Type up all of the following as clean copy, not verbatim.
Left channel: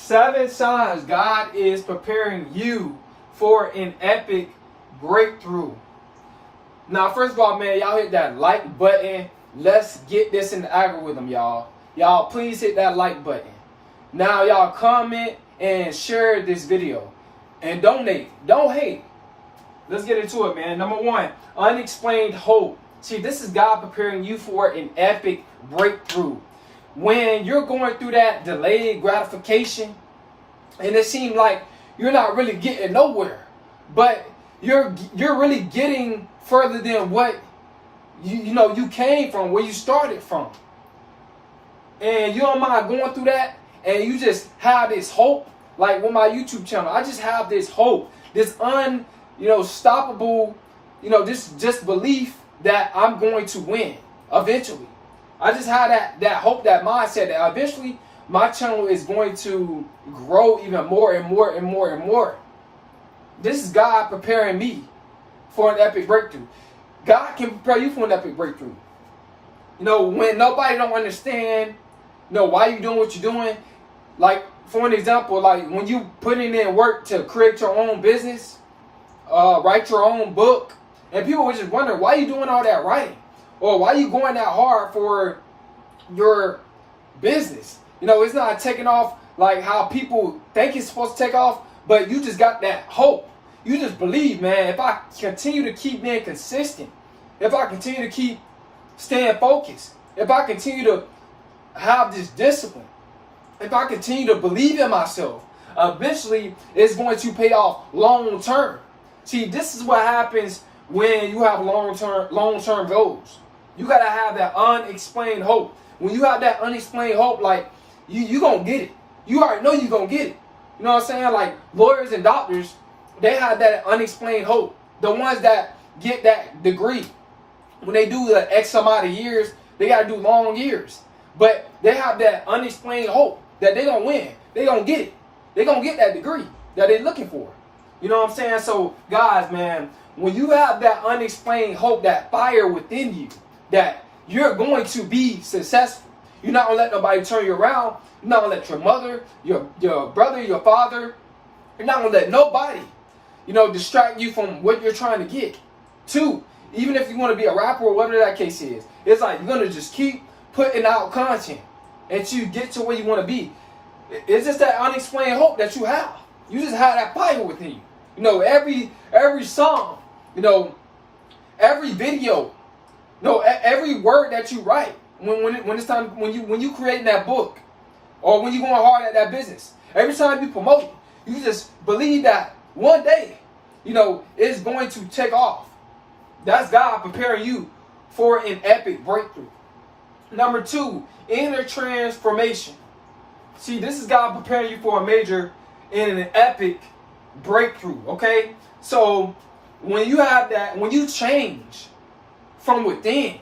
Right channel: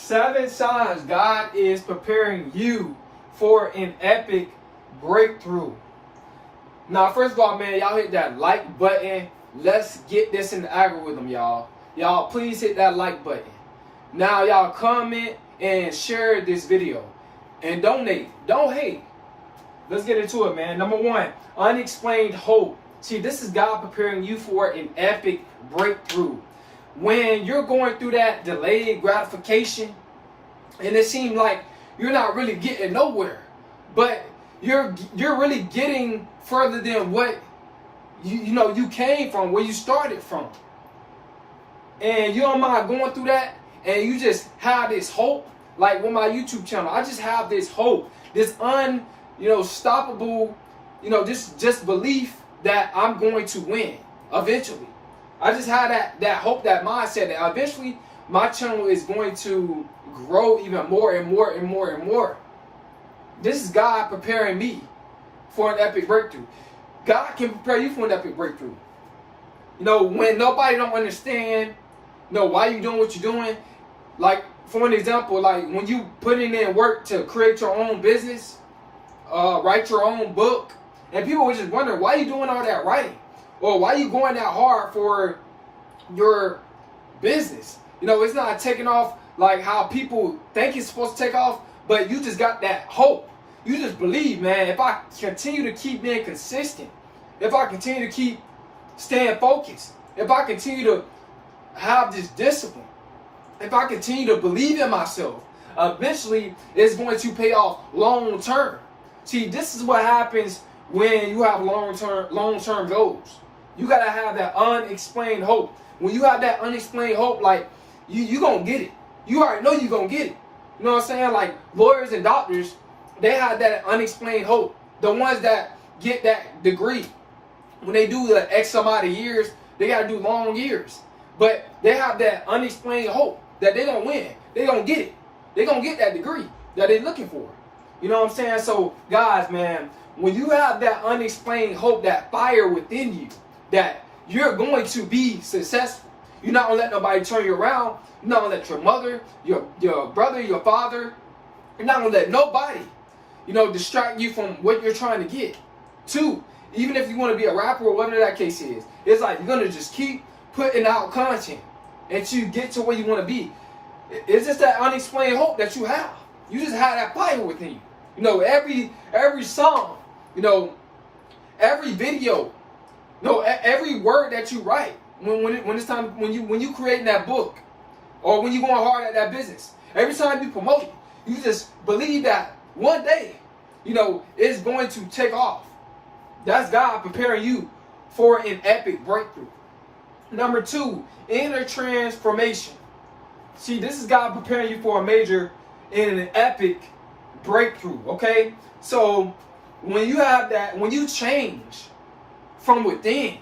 7 signs God is preparing you for an epic breakthrough. Now, first of all, man, y'all hit that like button. Let's get this in the algorithm, y'all. Y'all, please hit that like button. Now, y'all comment and share this video. And donate. Don't hate. Let's get into it, man. Number 1, unexplained hope. See, this is God preparing you for an epic breakthrough. When you're going through that delayed gratification, and it seems like you're not really getting nowhere, but you're really getting further than what you came from, where you started from. And you don't mind going through that, and you just have this hope. Like with my YouTube channel, I just have this hope, this unstoppable, just belief that I'm going to win eventually. I just had that hope, that mindset that eventually my channel is going to grow even more and more and more and more. This is God preparing me for an epic breakthrough. God can prepare you for an epic breakthrough. When nobody don't understand, why you doing what you're doing. Like, for an example, like when you putting in work to create your own business, write your own book, and people were just wondering, why you doing all that writing? Or why you going that hard for your business? It's not taking off like how people think it's supposed to take off, but you just got that hope. You just believe, man, if I continue to keep being consistent, if I continue to keep staying focused, if I continue to have this discipline, if I continue to believe in myself, eventually it's going to pay off long term. See, this is what happens when you have long-term goals. You got to have that unexplained hope. When you have that unexplained hope, like, you going to get it. You already know you're going to get it. You know what I'm saying? Like, lawyers and doctors, they have that unexplained hope. The ones that get that degree, when they do the X amount of years, they got to do long years. But they have that unexplained hope that they don't win. They don't get it. They going to get that degree that they're looking for. You know what I'm saying? So, guys, man, when you have that unexplained hope, that fire within you, that you're going to be successful. You're not going to let nobody turn you around. You're not going to let your mother, your brother, your father, you're not going to let nobody, distract you from what you're trying to get. 2, even if you want to be a rapper or whatever that case is, it's like you're going to just keep putting out content until you get to where you want to be. It's just that unexplained hope that you have. You just have that fire within you. Every song, every video, every word that you write, when it's time, when you creating that book, or when you going hard at that business, every time you promote it, you just believe that one day, it's going to take off. That's God preparing you for an epic breakthrough. Number 2, inner transformation. See, this is God preparing you for a major and an epic breakthrough, okay? So when you have that, when you change from within,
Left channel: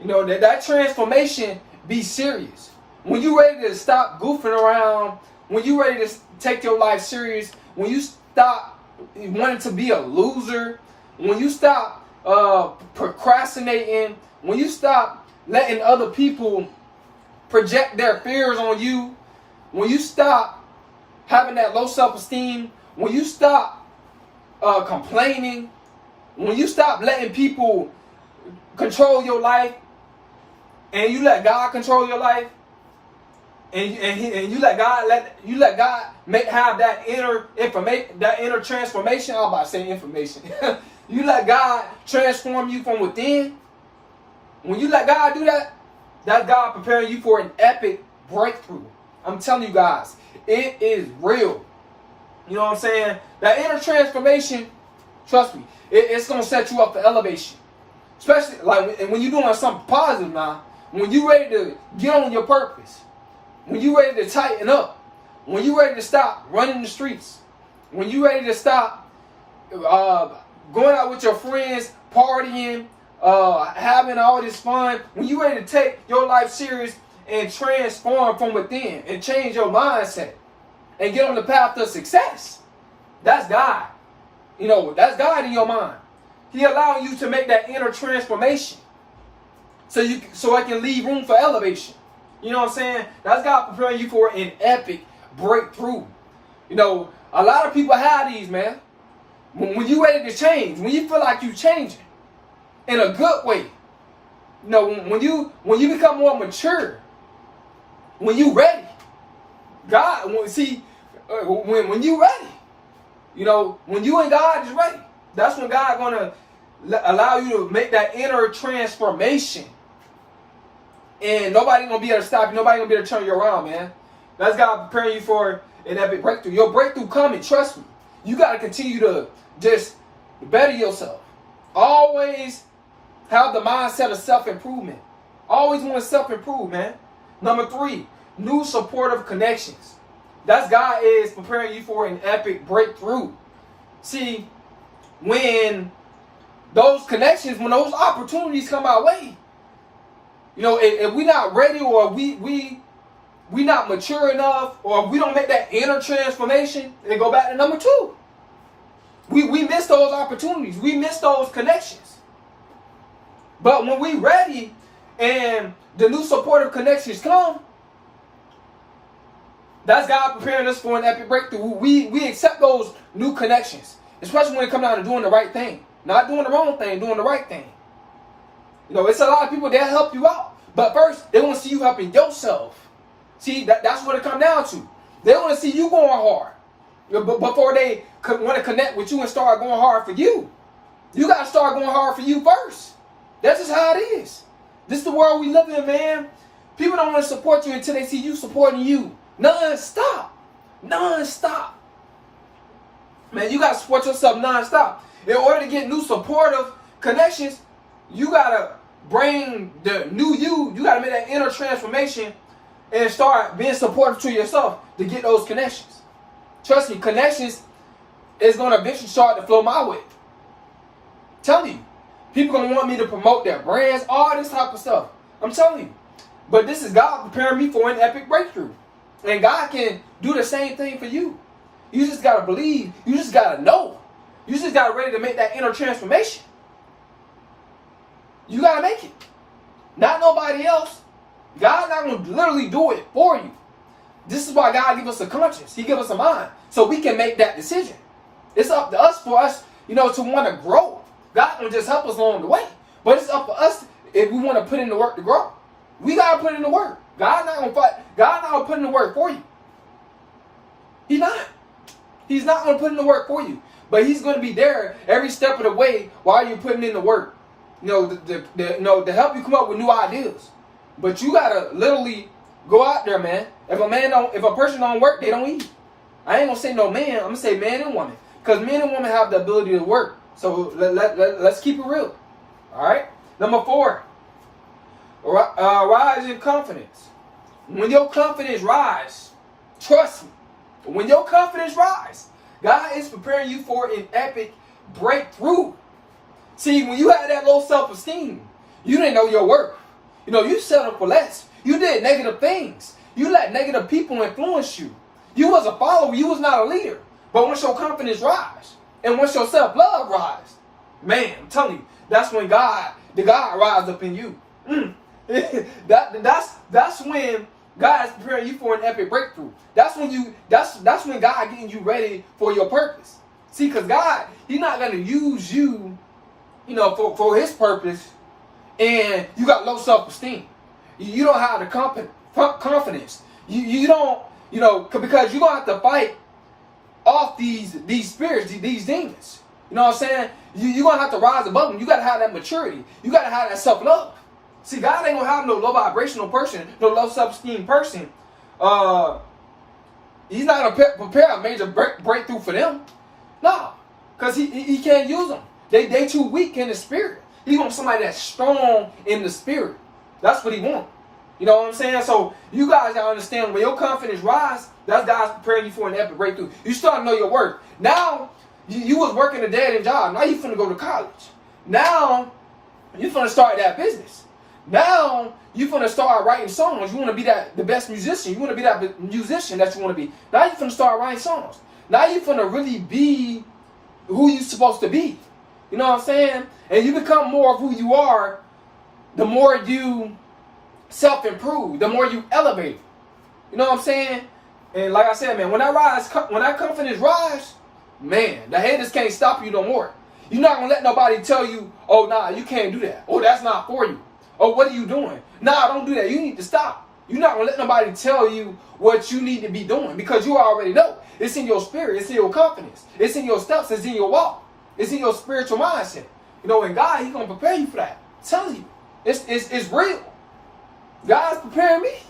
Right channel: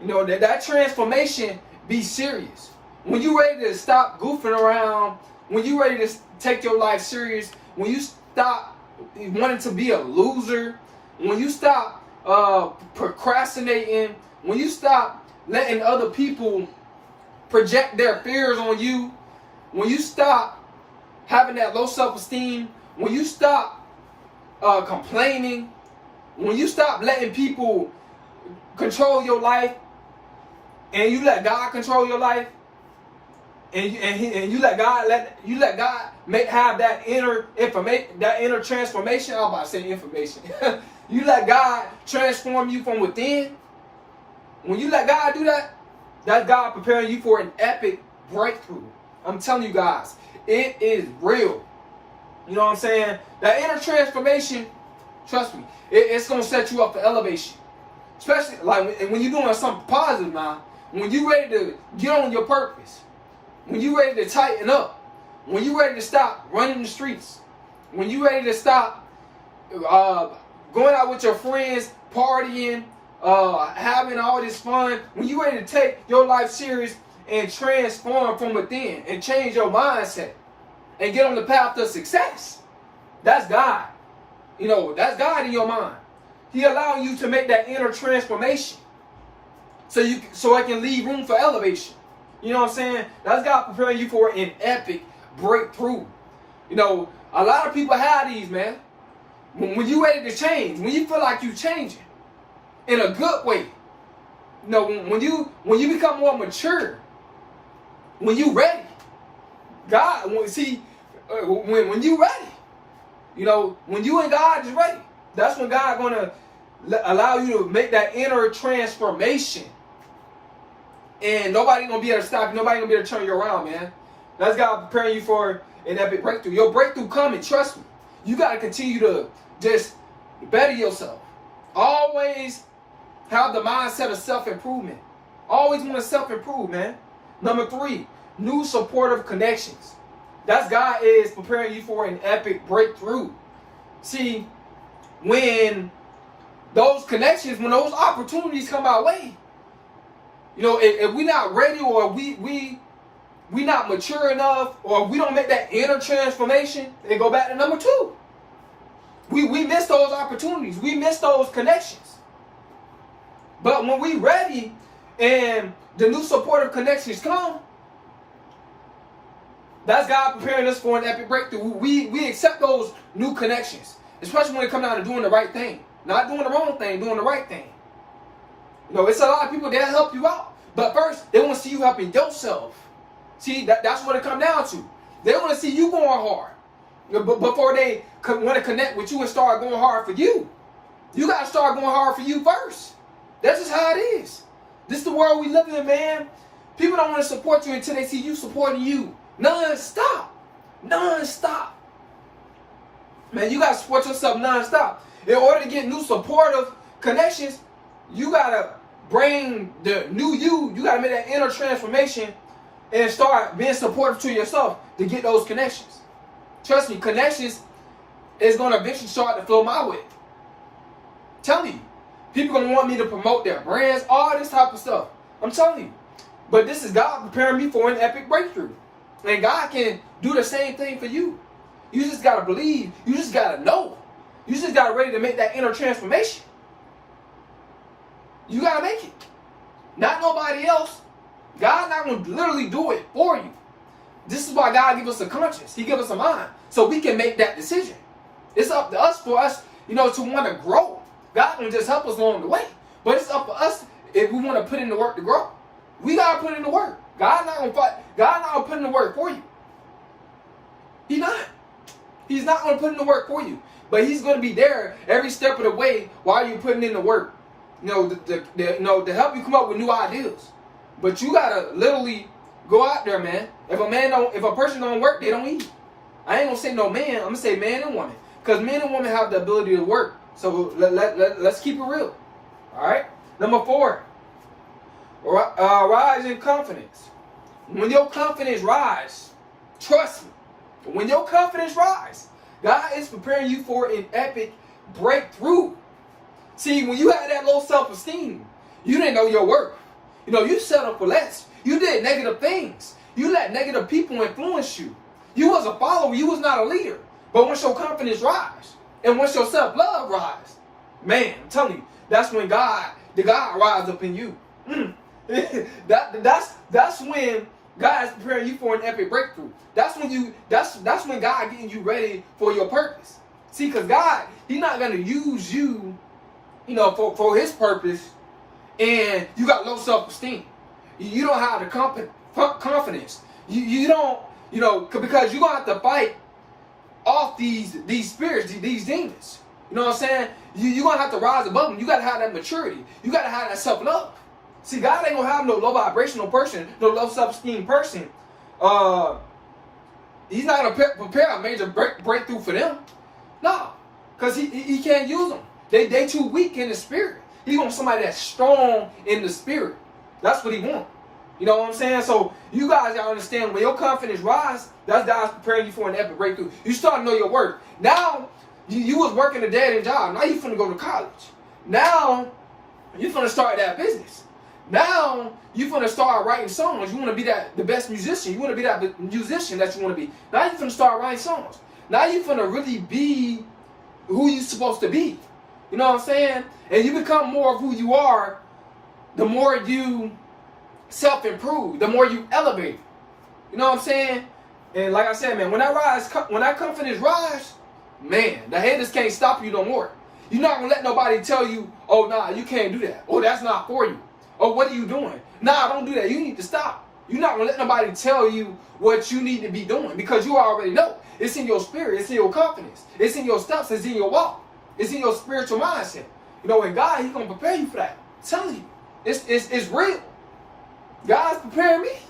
that transformation be serious. When you ready to stop goofing around, when you ready to take your life serious, when you stop wanting to be a loser, when you stop procrastinating, when you stop letting other people project their fears on you, when you stop having that low self-esteem, when you stop complaining, when you stop letting people control your life, and you let God control your life, and you let God have that inner information, that inner transformation. I'm about to say information. You let God transform you from within. When you let God do that, that's God preparing you for an epic breakthrough. I'm telling you guys, it is real. You know what I'm saying? That inner transformation, trust me, it's going to set you up for elevation. Especially like when you're doing something positive now, when you're ready to get on your purpose, when you're ready to tighten up, when you're ready to stop running the streets, when you're ready to stop going out with your friends, partying, having all this fun, when you're ready to take your life serious and transform from within and change your mindset and get on the path to success, that's God. That's God in your mind. He allowing you to make that inner transformation so it can leave room for elevation. You know what I'm saying? That's God preparing you for an epic breakthrough. You know, a lot of people have these, man. When you ready to change, when you feel like you changing in a good way, you know, when you become more mature, when you ready, God, when you ready, you know, when you and God is ready, that's when God gonna allow you to make that inner transformation, and nobody gonna be able to stop you. Nobody gonna be able to turn you around, man. That's God preparing you for an epic breakthrough. Your breakthrough coming. Trust me. You gotta continue to just better yourself. Always have the mindset of self-improvement. Always want to self-improve, man. Number 3, new supportive connections. That's God is preparing you for an epic breakthrough. See, when those connections, when those opportunities come our way, you know, if we're not ready, or we not mature enough, or if we don't make that inner transformation, they go back to number 2. We miss those opportunities. We miss those connections. But when we ready and the new supportive connections come, that's God preparing us for an epic breakthrough. We accept those new connections, especially when it comes down to doing the right thing. Not doing the wrong thing, doing the right thing. You know, it's a lot of people that help you out. But first, they want to see you helping yourself. See, that's what it comes down to. They want to see you going hard before they want to connect with you and start going hard for you. You got to start going hard for you first. That's just how it is. This is the world we live in, man. People don't want to support you until they see you supporting you. Non-stop. Non-stop. Man, you got to support yourself non-stop. In order to get new supportive connections, you got to bring the new you. You got to make that inner transformation and start being supportive to yourself to get those connections. Trust me, connections is going to eventually start to flow my way. Tell you. People going to want me to promote their brands, all this type of stuff. I'm telling you. But this is God preparing me for an epic breakthrough. And God can do the same thing for you. You just got to believe. You just got to know. You just got to ready to make that inner transformation. You got to make it. Not nobody else. God's not going to literally do it for you. This is why God gives us a conscience. He gives us a mind. So we can make that decision. It's up to us for us, you know, to want to grow. God can just help us along the way. But it's up to us if we want to put in the work to grow. We got to put in the work. God's not going to fight. God's not going to put in the work for you. He's not. He's not going to put in the work for you. But He's going to be there every step of the way while you're putting in the work. You know, to help you come up with new ideas. But you got to literally go out there, man. If a person don't work, they don't eat. I ain't going to say no man. I'm going to say man and woman. Because men and women have the ability to work. So let's keep it real. All right? Number 4. Rise in confidence. When your confidence rise, trust me, when your confidence rise, God is preparing you for an epic breakthrough. See, when you had that low self-esteem, you didn't know your worth. You know, you settled for less. You did negative things. You let negative people influence you. You was a follower. You was not a leader. But once your confidence rise, and once your self-love rise, man, I'm telling you, that's when God rise up in you. That's when God is preparing you for an epic breakthrough. That's when God getting you ready for your purpose. See, because God, He's not going to use you, you know, for His purpose, and you got low self-esteem. You don't have the confidence. You don't, you know, because you're going to have to fight off these spirits, these demons. You know what I'm saying? You're going to have to rise above them. You got to have that maturity. You got to have that self-love. See, God ain't going to have no low vibrational person, no low self-esteem person. He's not going to prepare a major breakthrough for them. No, because he can't use them. They too weak in the spirit. He wants somebody that's strong in the spirit. That's what He wants. You know what I'm saying? So you guys gotta understand, when your confidence rise, that's God's preparing you for an epic breakthrough. You start to know your worth. Now, you was working a dead-end job. Now you finna go to college. Now, you finna start that business. Now, you finna start writing songs. You want to be the best musician. You want to be that musician that you want to be. Now you finna start writing songs. Now you finna really be who you supposed to be. You know what I'm saying? And you become more of who you are, the more you self-improve, the more you elevate. You know what I'm saying? And like I said, man, when that confidence rise, man, the haters can't stop you no more. You're not gonna let nobody tell you, oh, nah, you can't do that. Oh, that's not for you. Oh, what are you doing? Nah, don't do that. You need to stop. You're not gonna let nobody tell you what you need to be doing because you already know. It's in your spirit. It's in your confidence. It's in your steps. It's in your walk. It's in your spiritual mindset. You know, and God, He's gonna prepare you for that. I'm telling you, it's real. God's preparing me.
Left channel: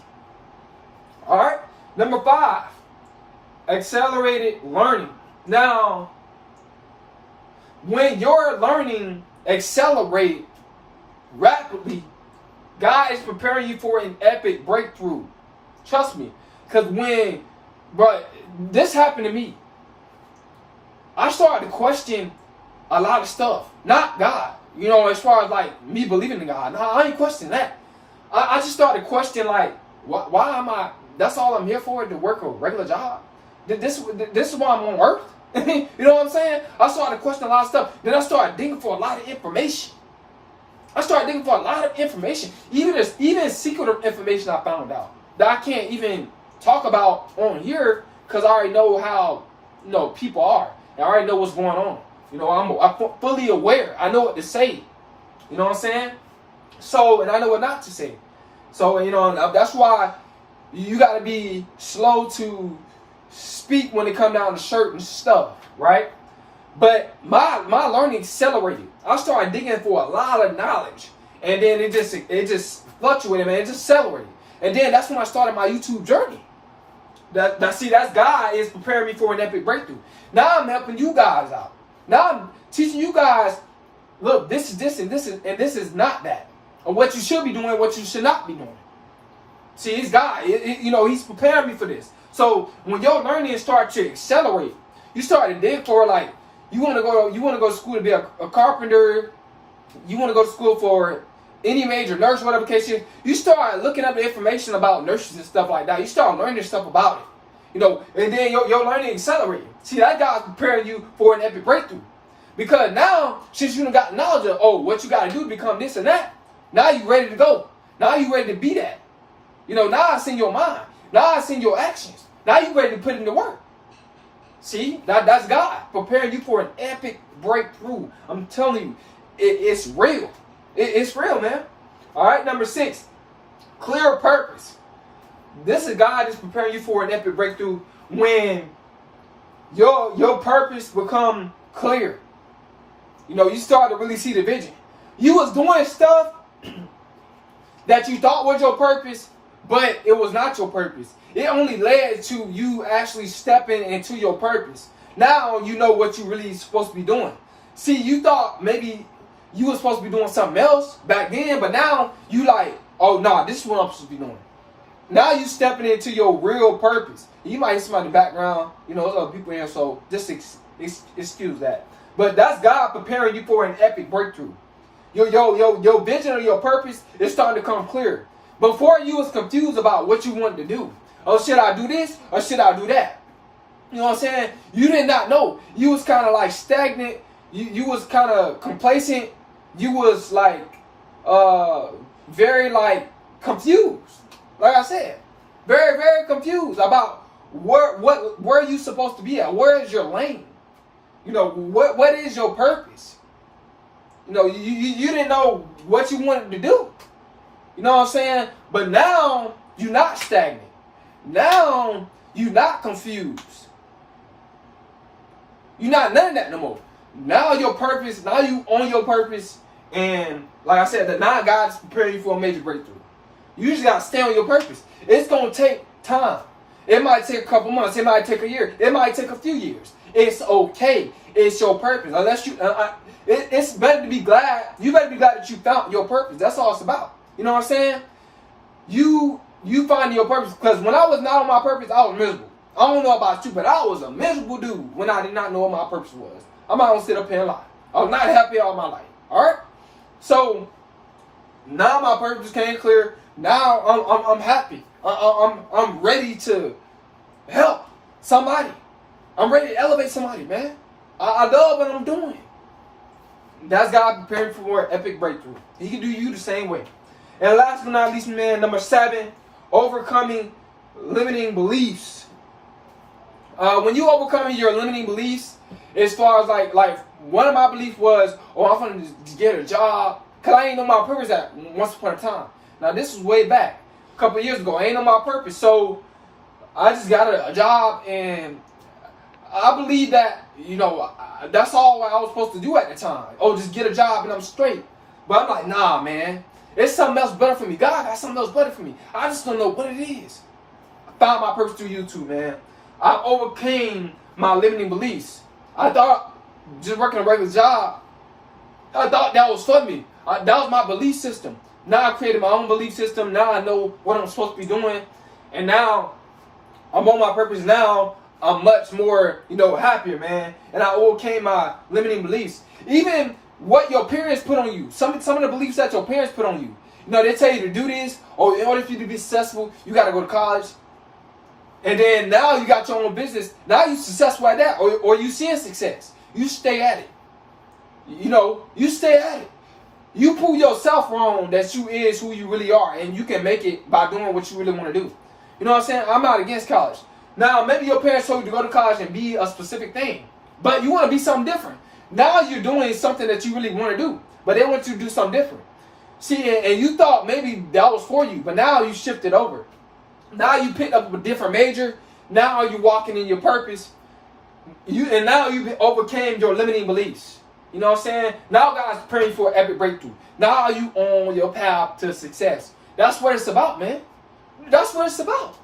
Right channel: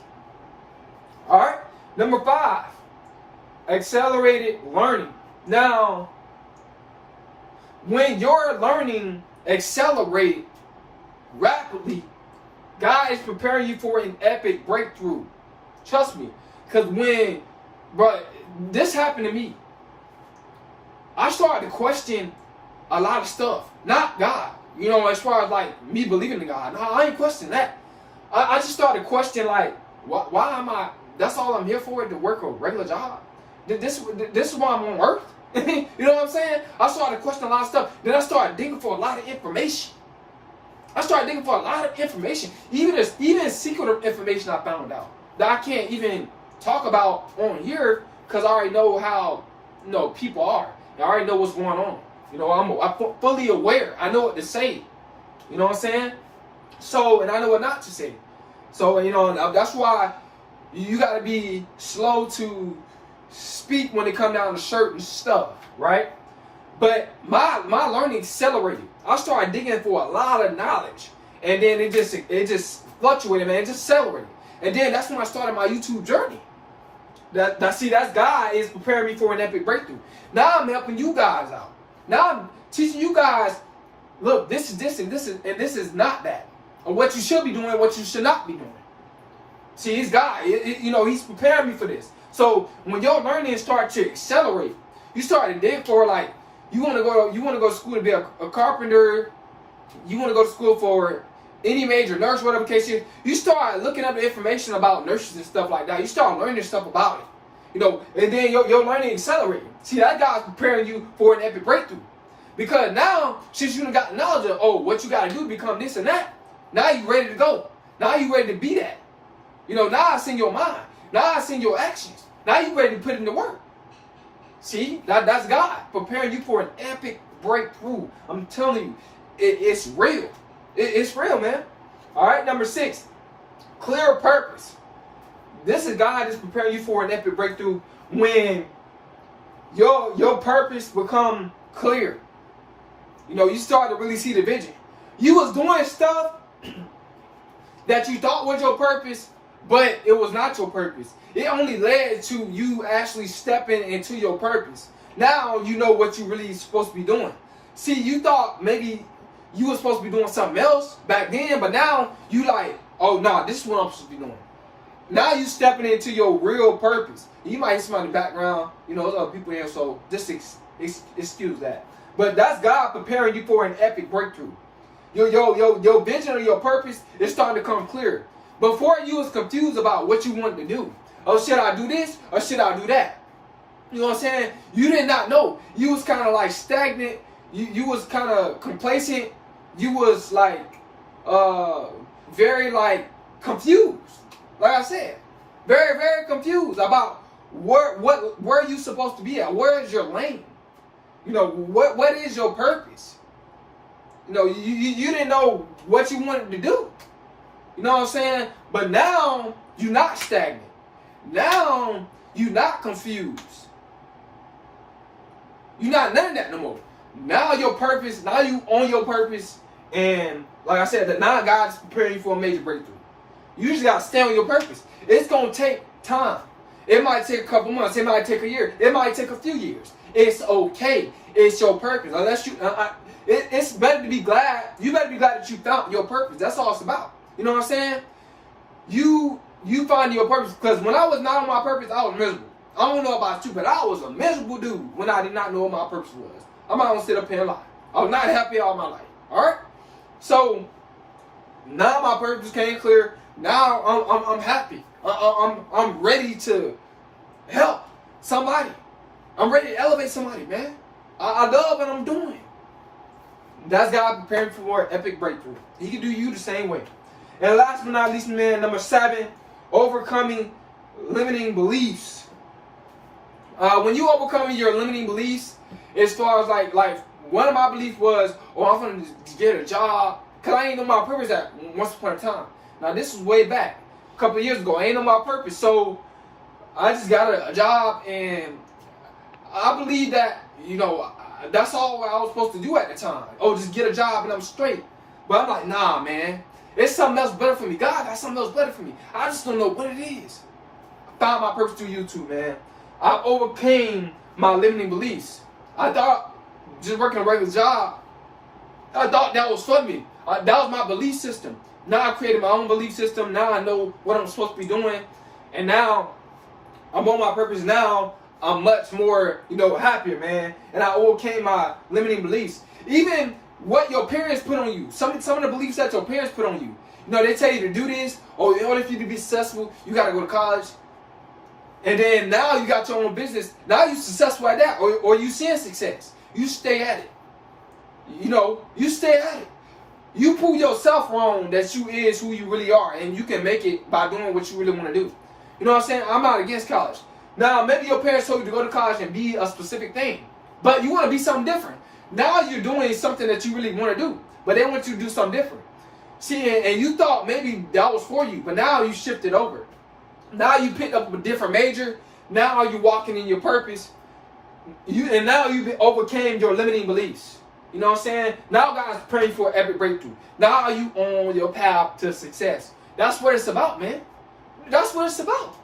All right. Number 5, accelerated learning. Now, when your learning accelerates rapidly, God is preparing you for an epic breakthrough. Trust me. Because this happened to me. I started to question a lot of stuff. Not God. You know, as far as like me believing in God. No, I ain't questioning that. I just started questioning like, why am I, that's all I'm here for, to work a regular job? This is why I'm on earth? You know what I'm saying? I started questioning a lot of stuff. Then I started digging for a lot of information. Even secret information I found out that I can't even talk about on here because I already know how, you know, people are. And I already know what's going on. You know, I'm fully aware. I know what to say. You know what I'm saying? So, and I know what not to say. So, you know, that's why you got to be slow to speak when it comes down to certain stuff, right? But my learning accelerated. I started digging for a lot of knowledge, and then it just fluctuated, man. It just accelerated, and then that's when I started my YouTube journey. That's God is preparing me for an epic breakthrough. Now I'm helping you guys out. Now I'm teaching you guys. Look, this is this, and this is not that. And what you should be doing, and what you should not be doing. See, it's God. You know, He's preparing me for this. So when your learning starts to accelerate, you start to dig for like you want to go to school to be a carpenter. You want to go to school for any major nurse, whatever case is. You start looking up the information about nurses and stuff like that. You start learning stuff about it. You know, and then your learning accelerating. See, that God's preparing you for an epic breakthrough. Because now, since you done got knowledge of, what you got to do to become this and that, now you ready to go. Now you ready to be that. You know, now it's in your mind. Now it's in your actions. Now you ready to put in the work. See, that's God preparing you for an epic breakthrough. I'm telling you, it's real. It's real, man. All right, number 6, clear purpose. This is God is preparing you for an epic breakthrough when your purpose become clear. You know, you start to really see the vision. You was doing stuff that you thought was your purpose, but it was not your purpose. It only led to you actually stepping into your purpose. Now you know what you really supposed to be doing. See, you thought maybe you were supposed to be doing something else back then, but now you like, oh, nah, this is what I'm supposed to be doing. Now you stepping into your real purpose. You might hear somebody in the background, you know, there's other people here, so just excuse that. But that's God preparing you for an epic breakthrough. Your vision or your purpose is starting to come clear. Before you was confused about what you wanted to do. Oh, should I do this or should I do that? You know what I'm saying? You did not know. You was kind of like stagnant. You was kind of complacent. You was like very like confused. Like I said, very, very confused about where you supposed to be at. Where is your lane? You know, what is your purpose? You know, you didn't know what you wanted to do. You know what I'm saying? But now you're not stagnant. Now you're not confused. You're not none of that no more. Now your purpose, now you on your purpose, and like I said, that now God's preparing you for a major breakthrough. You just gotta stand on your purpose. It's gonna take time. It might take a couple months. It might take a year. It might take a few years. It's okay. It's your purpose. Unless you, it's better to be glad. You better be glad that you found your purpose. That's all it's about. You know what I'm saying? You find your purpose. Because when I was not on my purpose, I was miserable. I don't know about you, but I was a miserable dude when I did not know what my purpose was. I'm not gonna sit up here and lie. I was not happy all my life. All right. So now my purpose came clear. Now I'm happy. I'm ready to help somebody. I'm ready to elevate somebody, man. I love what I'm doing. That's God preparing for an epic breakthrough. He can do you the same way. And last but not least, man, number 7, overcoming limiting beliefs. When you overcome your limiting beliefs, as far as like one of my beliefs was, oh, I'm gonna just get a job, cause I ain't know my purpose at once upon a time. Now this was way back, a couple of years ago. I ain't know my purpose, so I just got a job, and I believe that, you know, that's all I was supposed to do at the time. Oh, just get a job and I'm straight. But I'm like, nah, man. It's something else better for me. God got something else better for me. I just don't know what it is. I found my purpose through YouTube, man. I overcame my limiting beliefs. I thought just working a regular job, I thought that was for me. That was my belief system. Now I created my own belief system. Now I know what I'm supposed to be doing. And now I'm on my purpose now. I'm much more, you know, happier, man. And I overcame my limiting beliefs. Even what your parents put on you. Some of the beliefs that your parents put on you. You know, they tell you to do this, or in order for you to be successful, you got to go to college. And then now you got your own business. Now you're successful at that, or you seeing success. You stay at it. You know, you stay at it. You prove yourself wrong that you is who you really are, and you can make it by doing what you really want to do. You know what I'm saying? I'm not against college. Now, maybe your parents told you to go to college and be a specific thing, but you want to be something different. Now you're doing something that you really want to do, but they want you to do something different. See, and you thought maybe that was for you, but now you shifted over. Now you picked up a different major. Now you're walking in your purpose. And now you overcame your limiting beliefs. You know what I'm saying? Now God's praying for an epic breakthrough. Now you on your path to success. That's what it's about, man. That's what it's about.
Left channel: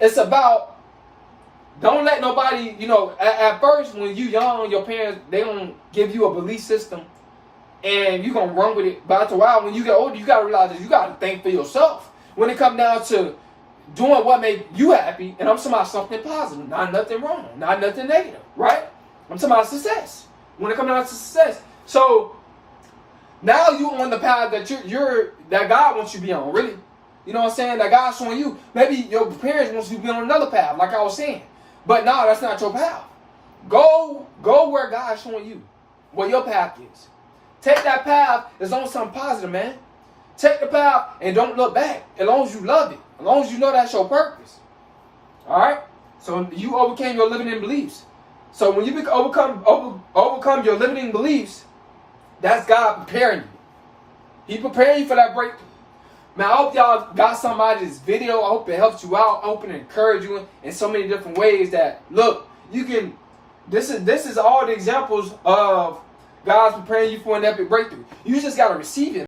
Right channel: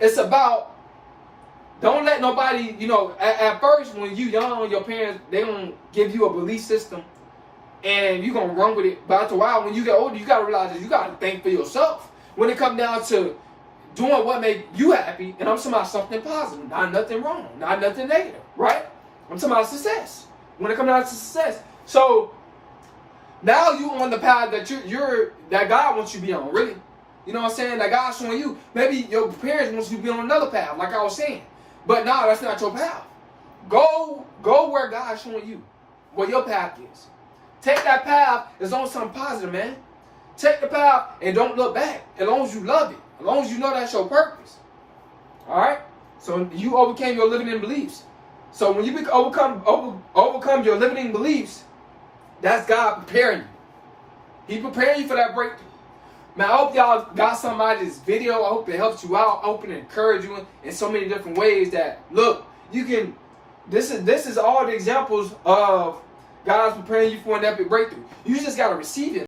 It's about, don't let nobody, you know, at first when you young, your parents, they don't give you a belief system and you're going to run with it. But after a while, when you get older, you got to realize that you got to think for yourself. When it comes down to doing what make you happy, and I'm talking about something positive, not nothing wrong, not nothing negative, right? I'm talking about success. When it comes down to success. So now you're on the path that that God wants you to be on, really. You know what I'm saying? That God's showing you. Maybe your parents want you to be on another path, like I was saying. But no, that's not your path. Go where God's showing you, where your path is. Take that path that's on something positive, man. Take the path and don't look back. As long as you love it. As long as you know that's your purpose. Alright? So you overcame your limiting beliefs. So when you overcome your limiting beliefs, that's God preparing you. He preparing you for that breakthrough. Man, I hope y'all got something out of this video. I hope it helps you out. I hope it encouraged you in so many different ways that, look, you can, this is all the examples of God's preparing you for an epic breakthrough. You just got to receive it.